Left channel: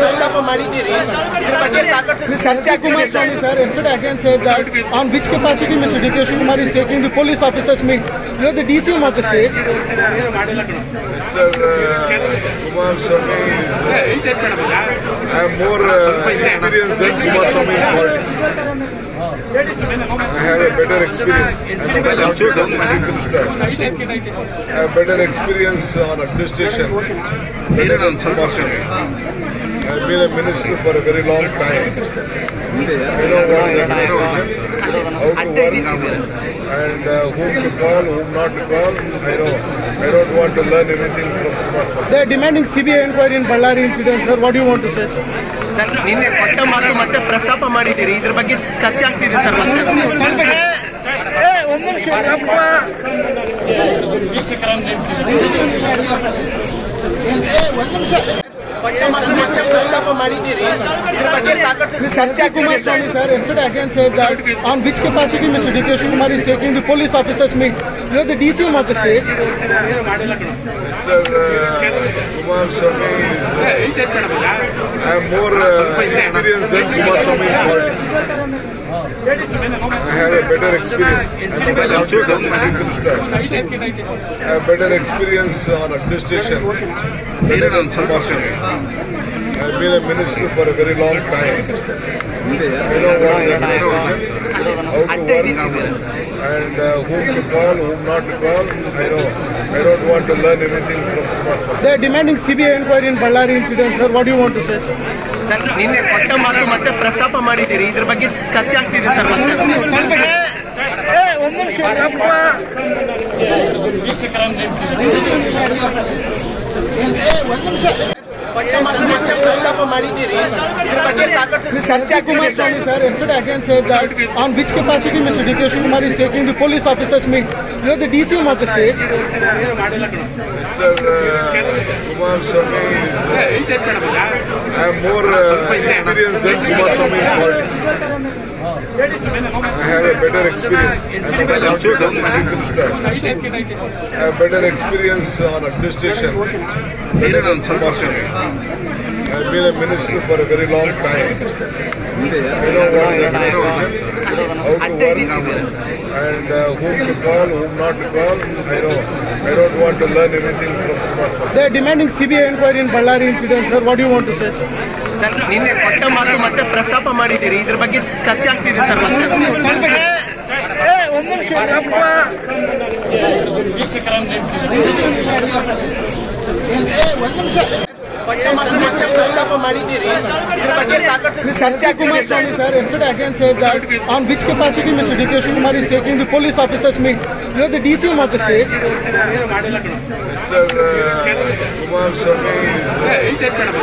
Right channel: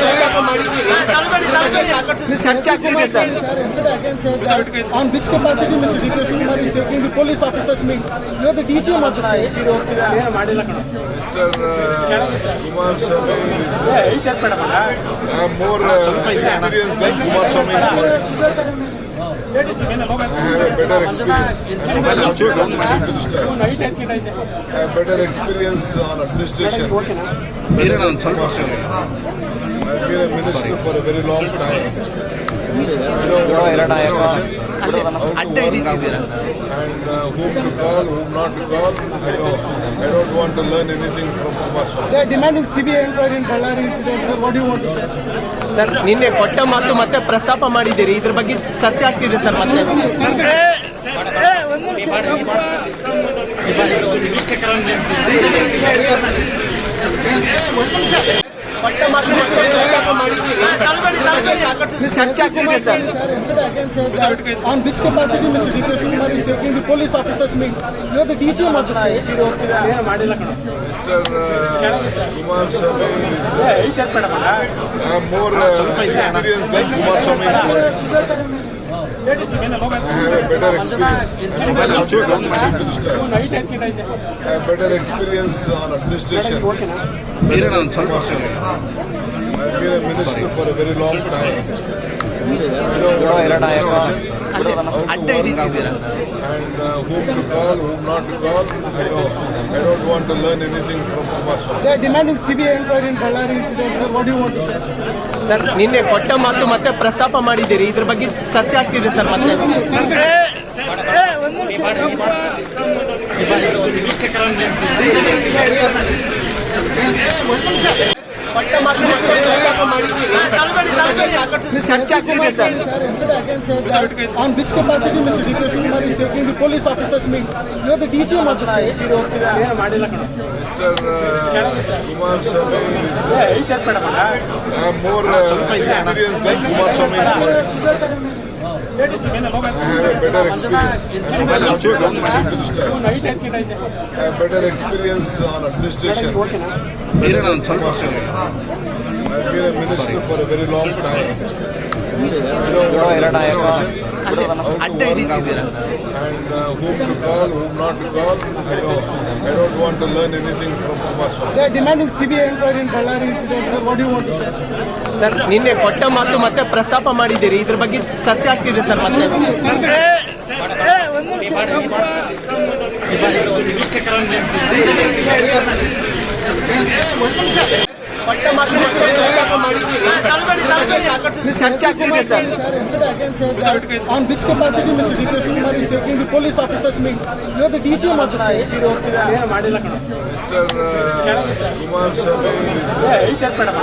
ಪ್ರಸ್ತಾಪ ಮಾಡಿದ್ದೀರಿ ಇದ್ರ ಬಗ್ಗೆ ಸಾಕಷ್ಟು ಚರ್ಚೆ ಆಗ್ತಿದೆ sir. Sir, yesterday again said that on which capacity Mr. D.K. Shivakumar is taking the police officers meet. You are the DCM of the state. Mr. Kumaraswamy is I have more experience than Kumaraswamy in politics. I have a better experience. I have better experience on administration than Kumaraswamy. I have been a minister for a very long time. I know what is administration, how to work, and whom to call, whom not to call. I know. I don't want to learn anything from Kumaraswamy. They are demanding CBI inquiry in Ballari incident. Sir, what do you want to say? Sir ನಿನ್ನೆ ಕೊಟ್ಟ ಮಾತು ಮತ್ತೆ ಪ್ರಸ್ತಾಪ ಮಾಡಿದ್ದೀರಿ ಇದ್ರ ಬಗ್ಗೆ ಚರ್ಚೆ ಆಗ್ತಿದೆ ಸರ್. ಮತ್ತೆ ಕೊಟ್ಟ ಮಾತು ಮತ್ತೆ ಪ್ರಸ್ತಾಪ ಮಾಡಿದ್ದೀರಿ ಇದ್ರ ಬಗ್ಗೆ ಸಾಕಷ್ಟು ಚರ್ಚೆ ಆಗ್ತಿದೆ sir. Sir, yesterday again said that on which capacity Mr. D.K. Shivakumar is taking the police officers meet. You are the DCM of the state. Mr. Kumaraswamy is I have more experience than Kumaraswamy in politics. I have a better experience. I have better experience on administration than Kumaraswamy. I have been a minister for a very long time. I know what is administration, how to work, and whom to call, whom not to call. I know. I don't want to learn anything from Kumaraswamy. They are demanding CBI inquiry in Ballari incident. Sir, what do you want to say? Sir ನಿನ್ನೆ ಕೊಟ್ಟ ಮಾತು ಮತ್ತೆ ಪ್ರಸ್ತಾಪ ಮಾಡಿದ್ದೀರಿ ಇದ್ರ ಬಗ್ಗೆ ಚರ್ಚೆ ಆಗ್ತಿದೆ ಸರ್. ಮತ್ತೆ ಕೊಟ್ಟ ಮಾತು ಮತ್ತೆ ಪ್ರಸ್ತಾಪ ಮಾಡಿದ್ದೀರಿ ಇದ್ರ ಬಗ್ಗೆ ಸಾಕಷ್ಟು ಚರ್ಚೆ ಆಗ್ತಿದೆ sir. Sir, yesterday again said that on which capacity Mr. D.K. Shivakumar is taking the police officers meet. You are the DCM of the state. Mr. Kumaraswamy is I have more experience than Kumaraswamy in politics. I have a better experience. I have better experience on administration than Kumaraswamy. I have been a minister for a very long time. I know what is administration, how to work, and whom to call, whom not to call. I know. I don't want to learn anything from Kumaraswamy. They are demanding CBI inquiry in Ballari incident. Sir, what do you want to say? Sir ನಿನ್ನೆ ಕೊಟ್ಟ ಮಾತು ಮತ್ತೆ ಪ್ರಸ್ತಾಪ ಮಾಡಿದ್ದೀರಿ ಇದ್ರ ಬಗ್ಗೆ ಚರ್ಚೆ ಆಗ್ತಿದೆ ಸರ್. ಮತ್ತೆ ಕೊಟ್ಟ ಮಾತು ಮತ್ತೆ ಪ್ರಸ್ತಾಪ ಮಾಡಿದ್ದೀರಿ ಇದ್ರ ಬಗ್ಗೆ ಸಾಕಷ್ಟು ಚರ್ಚೆ ಆಗ್ತಿದೆ sir. Sir, yesterday again said that on which capacity Mr. D.K. Shivakumar is taking the police officers meet. You are the DCM of the state. Mr. Kumaraswamy is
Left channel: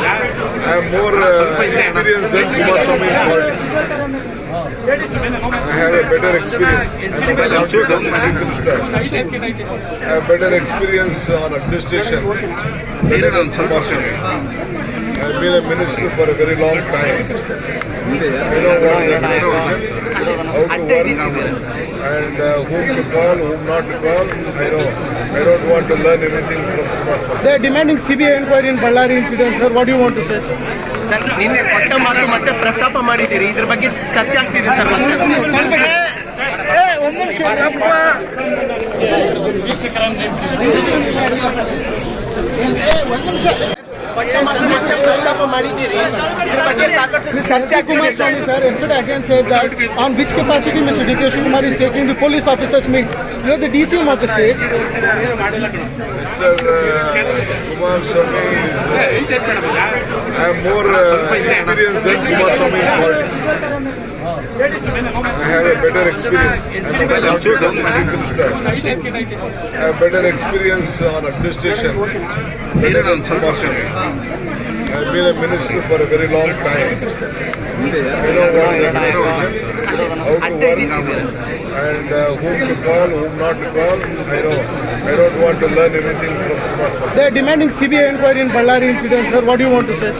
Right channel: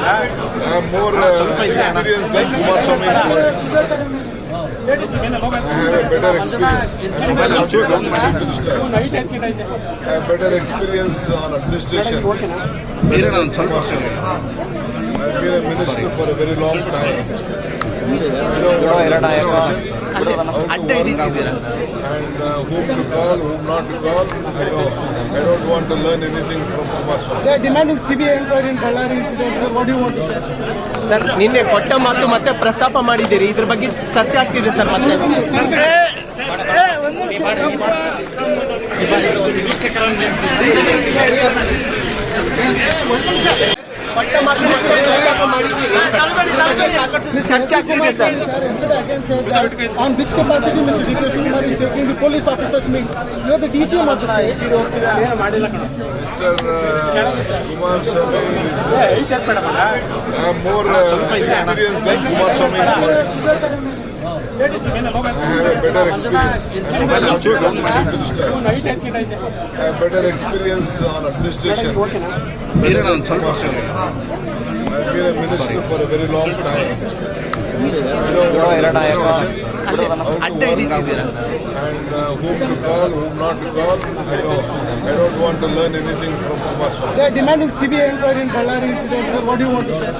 I have more experience than Kumaraswamy in politics. I have a better experience. I have better experience on administration than Kumaraswamy. I have been a minister for a very long time. I know what is administration, how to work, and whom to call, whom not to call. I know. I don't want to learn anything from Kumaraswamy. They are demanding CBI inquiry in Ballari incident. Sir, what do you want to say? Sir ನಿನ್ನೆ ಕೊಟ್ಟ ಮಾತು ಮತ್ತೆ ಪ್ರಸ್ತಾಪ ಮಾಡಿದ್ದೀರಿ ಇದ್ರ ಬಗ್ಗೆ ಚರ್ಚೆ ಆಗ್ತಿದೆ ಸರ್. ಮತ್ತೆ ಕೊಟ್ಟ ಮಾತು ಮತ್ತೆ ಪ್ರಸ್ತಾಪ ಮಾಡಿದ್ದೀರಿ ಇದ್ರ ಬಗ್ಗೆ ಸಾಕಷ್ಟು ಚರ್ಚೆ ಆಗ್ತಿದೆ sir. Sir, yesterday again said that on which capacity Mr. D.K. Shivakumar is taking the police officers meet. You are the DCM of the state. Mr. Kumaraswamy is I have more experience than Kumaraswamy in politics. I have a better experience. I have better experience on administration than Kumaraswamy. I have been a minister for a very long time. I know what is administration, how to work, and whom to call, whom not to call. I know. I don't want to learn anything from Kumaraswamy. They are demanding CBI inquiry in Ballari incident. Sir, what do you want to say?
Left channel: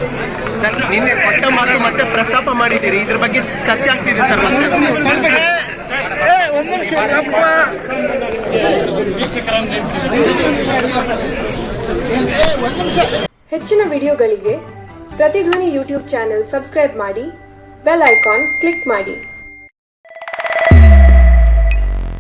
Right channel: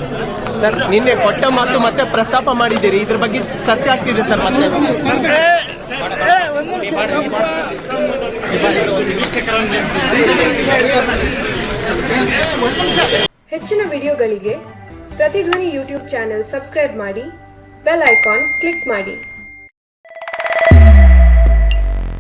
Sir ನಿನ್ನೆ ಕೊಟ್ಟ ಮಾತು ಮತ್ತೆ ಪ್ರಸ್ತಾಪ ಮಾಡಿದ್ದೀರಿ ಇದ್ರ ಬಗ್ಗೆ ಚರ್ಚೆ ಆಗ್ತಿದೆ ಸರ್. ಮತ್ತೆ ಹೆಚ್ಚಿನ ವಿಡಿಯೋಗಳಿಗೆ ಪ್ರತಿಧ್ವನಿ ಯೂಟ್ಯೂಬ್ ಚಾನೆಲ್ ಸಬ್ಸ್ಕ್ರೈಬ್ ಮಾಡಿ, ಬೆಲ್ ಐಕಾನ್ ಕ್ಲಿಕ್ ಮಾಡಿ.